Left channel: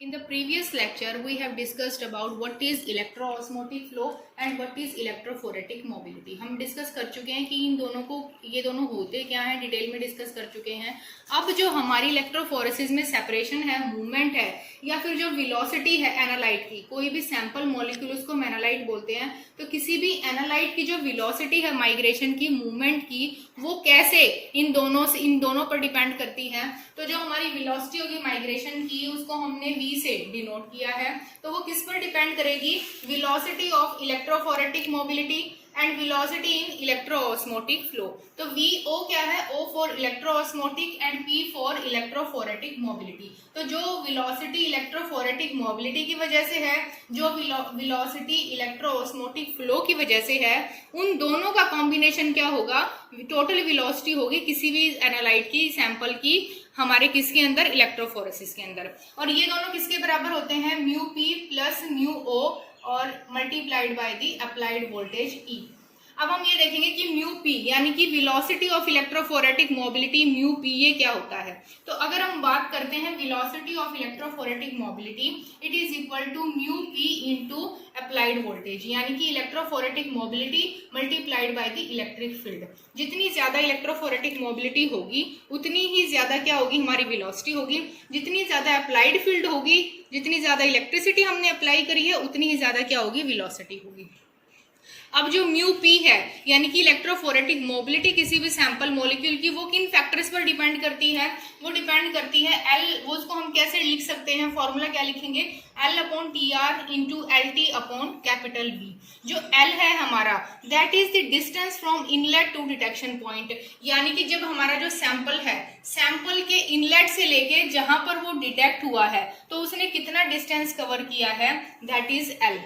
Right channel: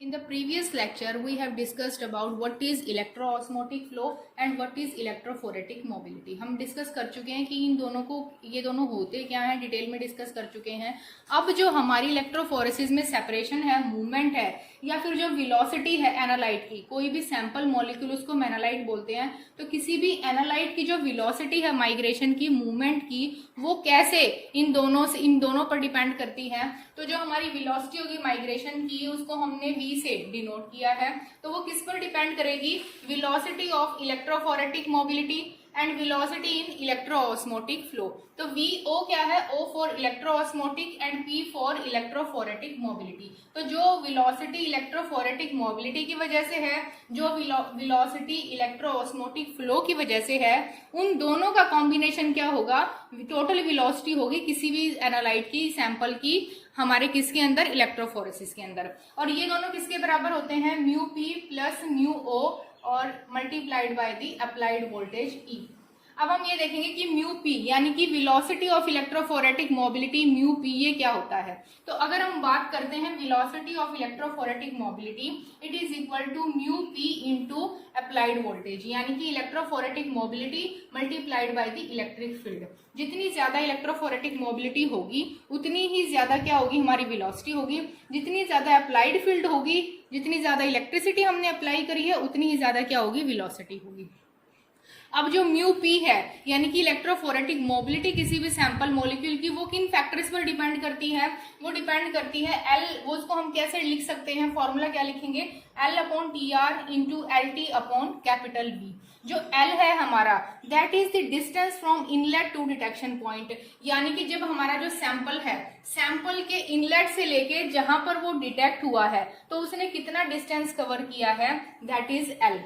In the previous lecture, we have discussed about what is electroosmotic flow and what is electrophoretic mobility. हम discuss कर चुके हैं कि इन दोनों को ये दोनों होते क्या हैं, डिटेल में डिस्कस कर चुके हैं. अब जो हमारी इलेक्ट्रोफोरेसिस में सेपरेशन है, मूवमेंट है, या फिर जो वेलोसिटी है एनालाइट की, कोई भी सैंपल मॉलिक्यूल उसको एनालाइट बोलते हैं, तो किसी भी एनालाइट की जो वेलोसिटी है माइग्रेशन की, मूवमेंट की, वो कैसे इन दोनों पर डिपेंड करती है. तो जो हमारी वेलोसिटी होगी माइग्रेशन की, उसको हमने v से डिनोट किया है. तो वो किस पर डिपेंड करेगी? Velocity of electrophoretic mobility and velocity in electroosmotic flow. तो VO क्या है? O for electroosmotic and P for electrophoretic mobility. तो जो वेलोसिटी इलेक्ट्रोफोरेटिक मोबिलिटी की वजह से है, जो वेलोसिटी इलेक्ट्रोऑस्मोटिक फ्लो की वजह से है, उन दोनों का कॉम्बिनेशन क्या होगा? टोटल वेलोसिटी होगी किसी भी एनालाइट की, सैंपल की, हमारे किसके अंदर? इलेक्ट्रोफोरेसिस के अंदर. और ये दोनों किसके बराबर होते हैं? Mu P plus mu O और multiplied by the applied voltage E. अब हम ये देखेंगे कि म्यू P यानी कि velocity of electrophoretic mobility, mu P ये क्या होता है. तो अगर हम बात करते हैं velocity of electrophoretic mobility, it is equal to mu P into applied voltage, यानी कि electrophoretic mobility multiplied by the electric field. जितनी ज्यादा इलेक्ट्रोफोरेटिक मोबिलिटी होगी उतनी ही ज्यादा क्या होगी? हमारी वेलोसिटी होगी. जितनी ज्यादा अप्लाइड फील्ड होगी, जितनी ज्यादा इलेक्ट्रिसिटी हमने अप्लाई करी है, उतनी ही ज्यादा क्या होगी? वेलोसिटी होगी. अब जो म्यू P है यानी कि इलेक्ट्रोफोरेटिक मोबिलिटी किसी भी सैंपल मॉलिक्यूल की, वो किन फैक्टर्स पर डिपेंड करती है? वो डिपेंड करती है L, वो उसको हम कैसे लिख सकते हैं? फॉर्मूला क्या लिखेंगे? L upon TR into LT upon capital V. जो L है हमारा, that is the distance from inlet to detection point, यानी कि जब हमारा जो सैंपल है, सैंपल के इनलेट से लेके जहां पर वो डिटेक्ट हुआ है, तो उसने कितना डिस्टेंस कवर किया है, दैट इज L.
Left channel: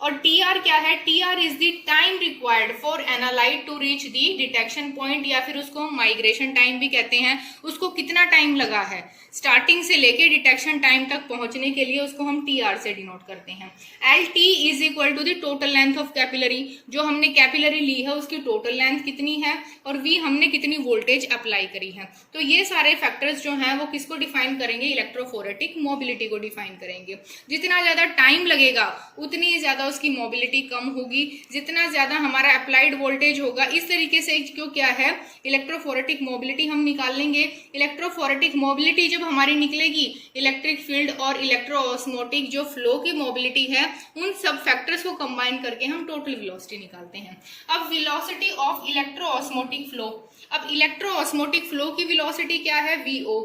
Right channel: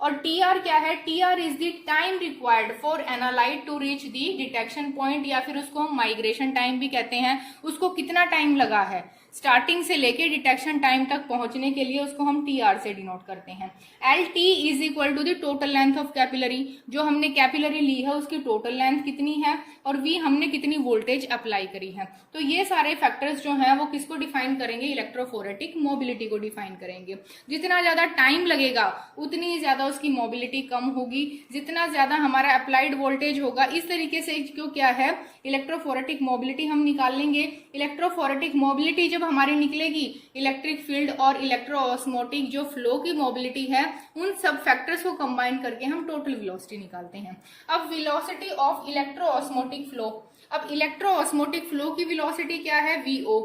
और TR क्या है? TR is the time required for analyte to reach the detection point, या फिर उसको माइग्रेशन टाइम भी कहते हैं. उसको कितना टाइम लगा है स्टार्टिंग से लेके डिटेक्शन टाइम तक पहुंचने के लिए, उसको हम TR से डिनोट करते हैं. LT is equal to the total length of capillary, जो हमने कैपिलरी ली है उसकी टोटल लेंथ कितनी है, और V हमने कितनी वोल्टेज अप्लाई करी है. तो ये सारे फैक्टर्स जो हैं वो किसको डिफाइन करेंगे? इलेक्ट्रोफोरेटिक मोबिलिटी को डिफाइन करेंगे. जितना ज्यादा टाइम लगेगा उतनी ज्यादा उसकी मोबिलिटी कम होगी. जितना ज्यादा हमारा अप्लाइड वोल्टेज होगा, इस तरीके से क्यों क्या है, इलेक्ट्रोफोरेटिक मोबिलिटी हम निकाल लेंगे. इलेक्ट्रोफोरेटिक मोबिलिटी जब हमारी निकलेगी, इलेक्ट्रिक फील्ड और इलेक्ट्रोऑस्मोटिक जो फ्लो की मोबिलिटी है, उन सब फैक्टर्स को कंबाइन करके हम टोटल वेलोसिटी निकालते हैं. अब वेलोसिटी ऑफ इलेक्ट्रोऑस्मोटिक फ्लो, अब इलेक्ट्रोऑस्मोटिक फ्लो की वेलोसिटी क्या है? VO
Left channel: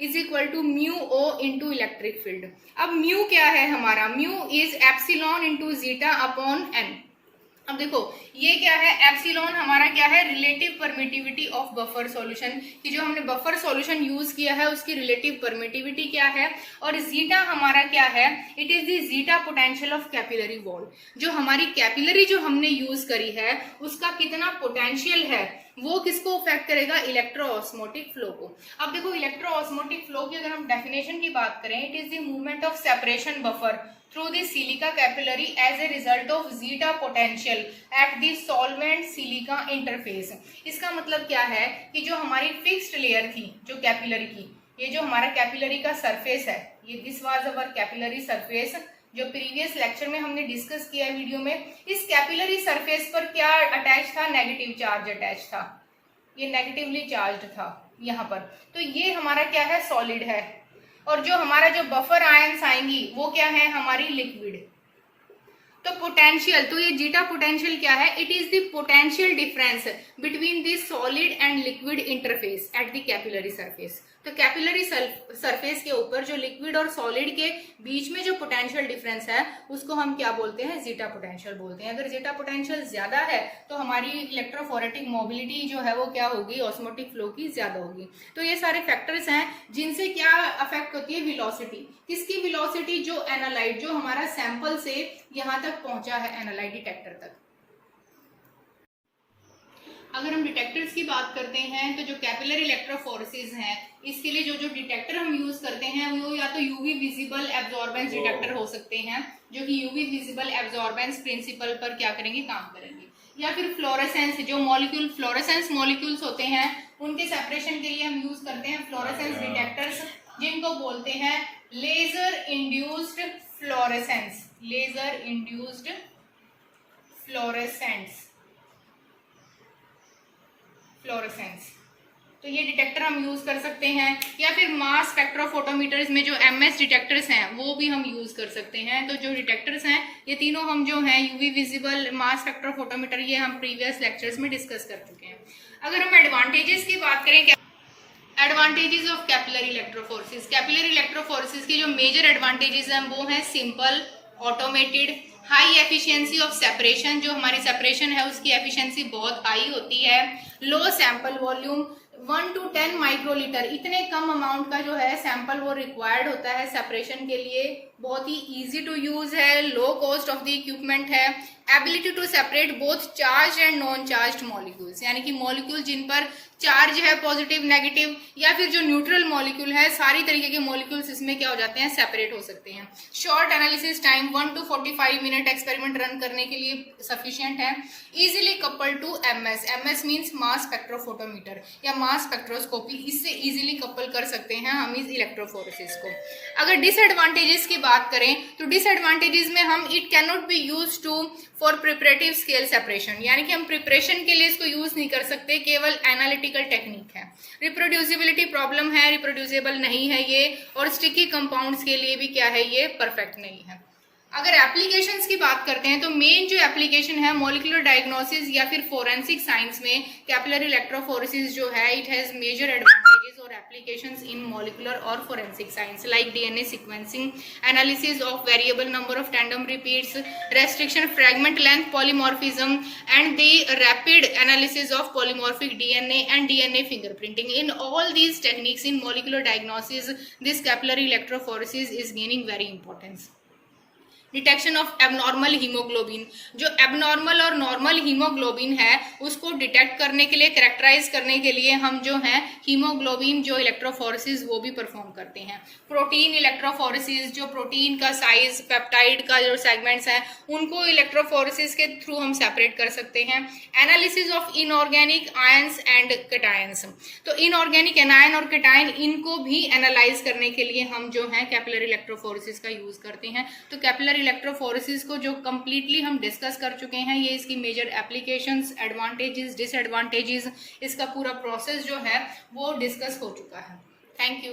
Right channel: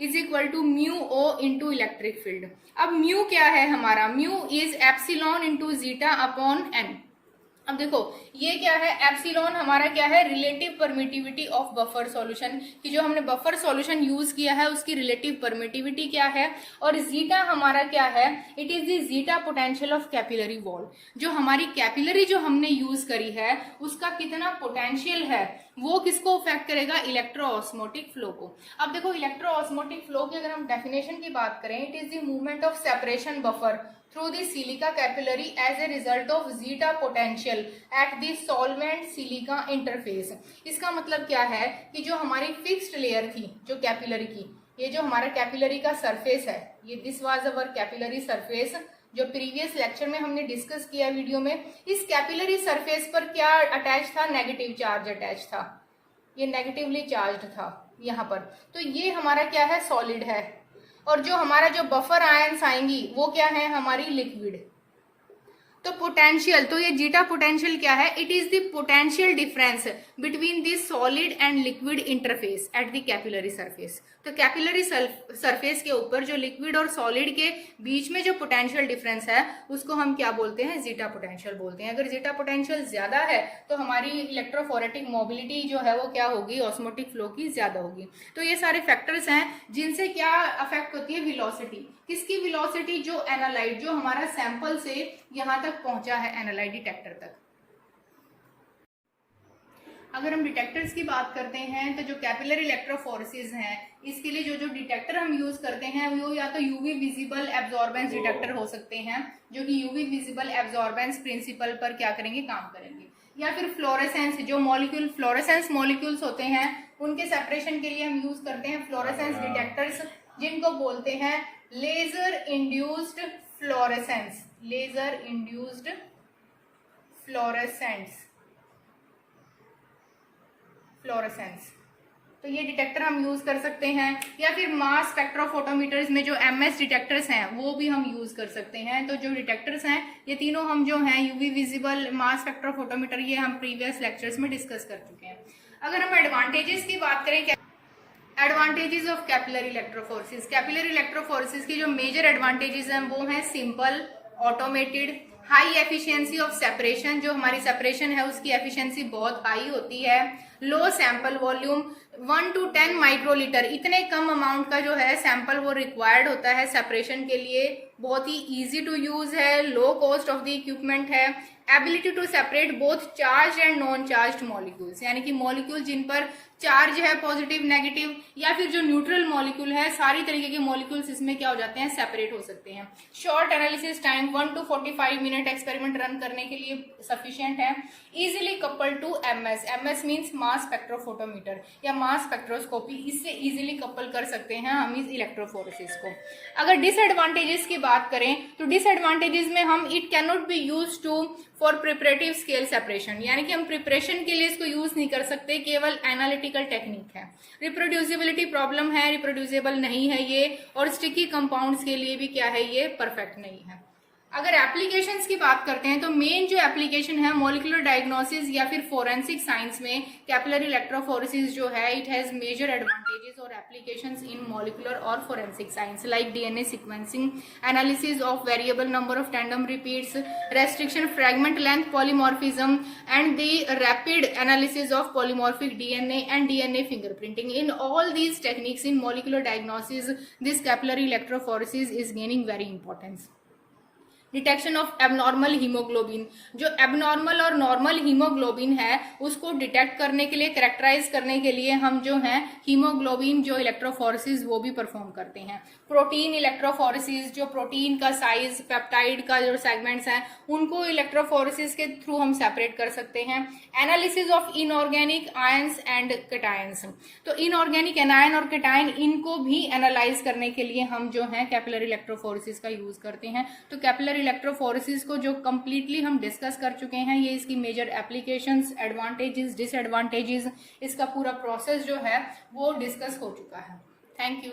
is equal to mu O into electric field. अब म्यू क्या है हमारा? Mu is epsilon into zeta upon n. अब देखो ये क्या है? एप्सिलॉन हमारा क्या है? Relative permittivity of buffer solution, कि जो हमने बफर सॉल्यूशन यूज किया है उसकी रिलेटिव परमिटिविटी क्या है. और जीटा हमारा क्या है? It is the zeta potential of capillary wall. जो हमारी कैपिलरी जो हमने यूज करी है उसका कितना पोटेंशियल है, वो किसको अफेक्ट करेगा? इलेक्ट्रोऑस्मोटिक फ्लो को. अब देखो इलेक्ट्रोऑस्मोटिक फ्लो की अगर हम डेफिनेशन की बात करें, it is the movement of separation buffer through the silica capillary as a result of zeta potential at the solvent silica interface. इसका मतलब क्या है कि जो हमारी फिक्स्ड लेयर थी जो कैपिलरी की, ये जो हमारा कैपिलरी का सरफेस है, ये this was our capillary surface, जो प्रीवियस लेक्चर में हमने डिस्कस किया है वीडियो में. इस कैपिलरी सरफेस पर क्या अटैच था? नेगेटिव चार्ज अटैच था. ये नेगेटिवली चार्ज था यहाँ पर. तो ये हमारा क्या है? सॉलिड है. और जो हमारा जो बफर आयंस आएंगी वो क्या है? हमारी लिक्विड. तो पोटेंशियल, तो ये जीटा पोटेंशियल क्या है? It is the potential difference between the solid and liquid interface at the capillary surface. तो कैपिलरी सरफेस के ऊपर जो लिक्विड और सॉलिड के बीच में जो पोटेंशियल डिफरेंस है उसको हम क्या बोलते हैं? जीटा पोटेंशियल बोलते हैं. अगर जीटा पोटेंशियल ज्यादा है तो हमारी इलेक्ट्रोफोरेटिक मोबिलिटी जो है वो क्या होगी? ऑस्मोटिक फ्लो की ज्यादा होगी. तो ये सारे फैक्टर्स हैं जिनसे क्या अफेक्ट होती है? वेलोसिटी. किसकी वेलोसिटी? जो एनालाइट, जो हमारा सैंपल से यहाँ तक पहुंचा है एनालाइट डिटेक्टर तक. अगर हम डिटेक्टर्स की बात करते हैं तो जो कैपिलरी इलेक्ट्रोफोरेसिस हैं, इसके लिए जो डिटेक्टर हम यूज करते हैं वो या तो यूवी विजिबल एब्जॉर्बेंस डिटेक्टर हो सकते हैं, जो कि यूवी विजिबल एब्जॉर्बेंस प्रिंसिपल पर क्या करेंगे? काम करेंगे. या फिर फ्लोरेसेंस, जो मॉलिक्यूल फ्लोरेसेंस मॉलिक्यूल्स होते हैं उनके सेपरेशन के लिए हम यूज करते हैं फ्लोरेसेंस डिटेक्टर्स, जिनको बोलते हैं laser induced fluorescence, laser induced fluorescence, तो ये डिटेक्टर हम यूज कर सकते हैं। या फिर मास स्पेक्ट्रोफोटोमीटर्स में जो MS डिटेक्टर्स हैं वो भी हम यूज कर सकते हैं। तो जो डिटेक्टर्स हैं ये तीनों हम जो हैं UV विजिबल, मास स्पेक्ट्रोफोटोमीटर, ये हम प्रीवियस लेक्चर्स में डिस्कस कर चुके हैं। अगर हम एडवांटेजेस की बात करें, advantages of capillary electrophoresis, capillary electrophoresis की जो मेजर एडवांटेजेस हैं वो हैं simple, automated, high efficiency of separation, जो हमारी सेपरेशन है उसकी एफिशिएंसी बहुत हाई होती है, लो सैंपल वॉल्यूम 1 to 10 माइक्रोलीटर, इतने कम अमाउंट का जो है सैंपल वो रिक्वायर्ड होता है सेपरेशन के लिए, बहुत ही इजी टू यूज है, low cost of the equipment है, ability to separate both charge and non charge molecules, यानी कि मॉलिक्यूल जिन पर चार्ज है पॉजिटिव नेगेटिव या फिर जो न्यूट्रल मॉलिक्यूल है, सारी तरीके के मॉलिक्यूल्स इसमें क्या हो जाते हैं, सेपरेट हो सकते हैं। Short analysis time 1 to 45 minute experiment run करने के लिए सफिशिएंट है। Easily couple to MS means mass spectrophotometer या मास स्पेक्ट्रोस्कोपी, इससे इजीली कपल कर सकते हैं हम इस इलेक्ट्रोफोरेसिस को। अगर डिसएडवांटेजेस की बात करें तो डिसएडवांटेजेस में हम it can not be use to for preparative scale separation, यानी कि हम प्रिपरेशन के लिए इसको यूज नहीं कर सकते, केवल एनालिटिकल टेक्निक है। रिप्रोड्यूसिबिलिटी प्रॉब्लम है, रिप्रोड्यूसिबल नहीं है ये, और स्टिकी कंपाउंड्स के लिए भी क्या है, ये परफेक्ट नहीं है। अगर एप्लीकेशंस की बात करते हैं तो मेन जो एप्लीकेशन है मॉलिक्यूलर डायग्नोसिस या फिर फोरेंसिक साइंस में कैपिलरी इलेक्ट्रोफोरेसिस जो है इट हैज मेजर एडवांटेजेस और एप्लीकेशंस इन मॉलिक्यूलर और forensic science like DNA sequencing, analysis of variable number of tandem repeats, restriction fragment length polymorphism and the rapid analysis of polymorphic DNA and DNA fingerprinting. In all these techniques in molecular diagnosis, this capillary electrophoresis is gaining very importance. Detection of abnormal haemoglobin, जो abnormal और normal haemoglobin है उसको detect करने के लिए, characterise करने के लिए हम जो है हीमोग्लोबिन जो इलेक्ट्रोफोरेसिस वो भी परफॉर्म करते हैं। प्रोटीन इलेक्ट्रोफोरेसिस, जो प्रोटीन का साइज, पेप्टाइड का जो सेगमेंट्स हैं उनको इलेक्ट्रोफोरेसिस के थ्रू हम सेपरेट कर सकते हैं। Analysis of inorganic ions and cations, तो इनऑर्गेनिक एनायन और कैटायन इनको भी एनालाइज करने के लिए हम जो है कैपिलरी इलेक्ट्रोफोरेसिस का यूज करते हैं। तो कैपिलरी इलेक्ट्रोफोरेसिस को जो कंप्लीटली हम डिस्कस कर चुके हैं, ये इसकी मेजर एप्लीकेशंस, एडवांटेजेस, डिसएडवांटेजेस, इसका पूरा प्रोसेस जो है वो डिस्कस हो चुका है। Thank you.